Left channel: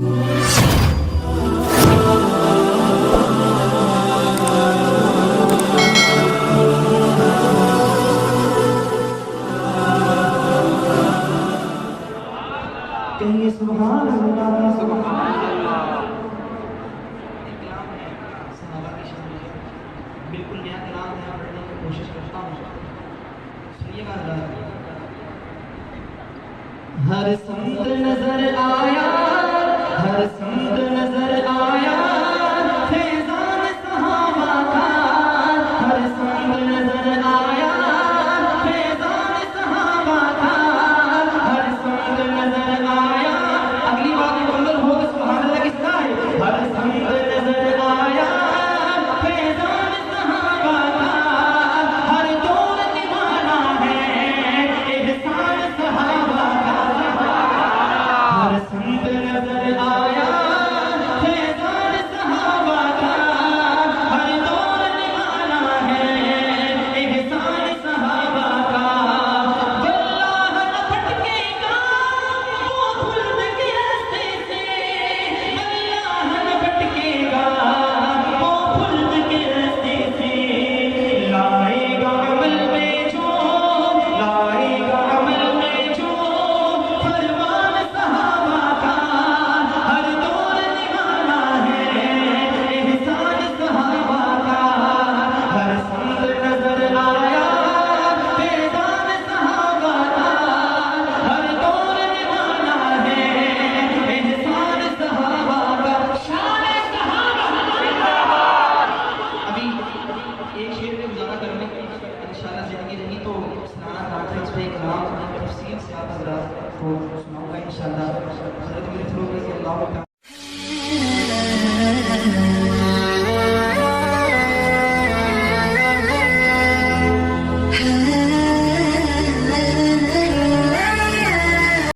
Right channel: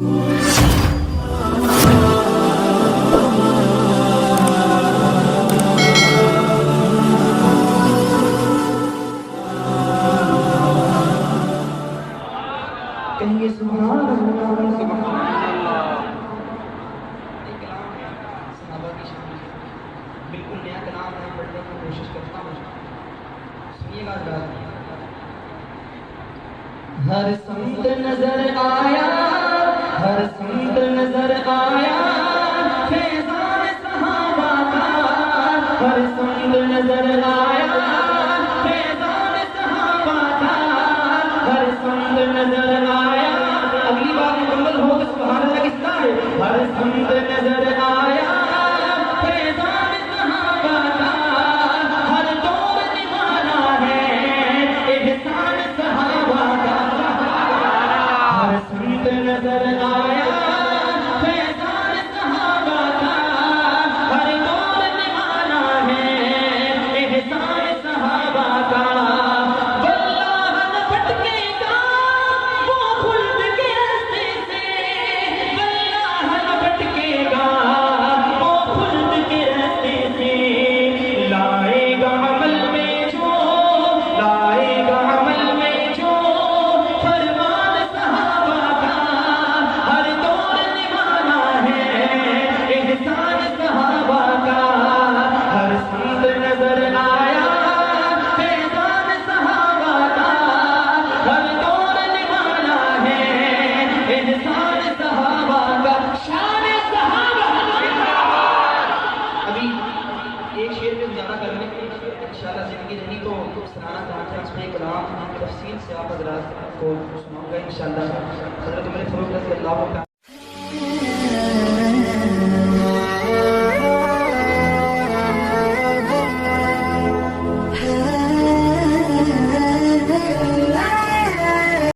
बिल्कुल नया कलाम है, पढ़ने की कोशिश करता हूँ। सुनिएगा ज़रा। हर संत नजर आया, हर संत नजर आया, फैज़ान सहाबा का। हर संत नजर आया, फैज़ान सहाबा का। हर संत नजर आया। अगली बात मुकम्मल हो तो सुभान अल्लाह किसका है? हर संत नजर आया, फैज़ान सहाबा का। हर दौर दीवाना है, एहसान सहाबा का। हर संत नजर आया, फैज़ान सहाबा का। हर दौर दीवाना है, एहसान सहाबा का। जो राह न भटकेगा, वो खुल्द के रास्ते से। जो राह न भटकेगा, वो खुल्द के रास्ते से। लाएगा अमल में जो, लाएगा अमल में जो फरमान सहाबा का। हर दौर दीवाना है, एहसान सहाबा का। हर संत नजर आया, फैज़ान सहाबा का। हर दौर दीवाना है, एहसान सहाबा का। शान सहाबा जिंदाबाद। अभी एक शेर में गुजारा करने की इंशाल्लाह जिंदगी रही तो सलाना दाखिल इस पे कलाम तफसील से आप हज़रात को सुनाऊंगा इंशाल्लाह। हज़रत मेरे फरूक रज़ी अल्लाह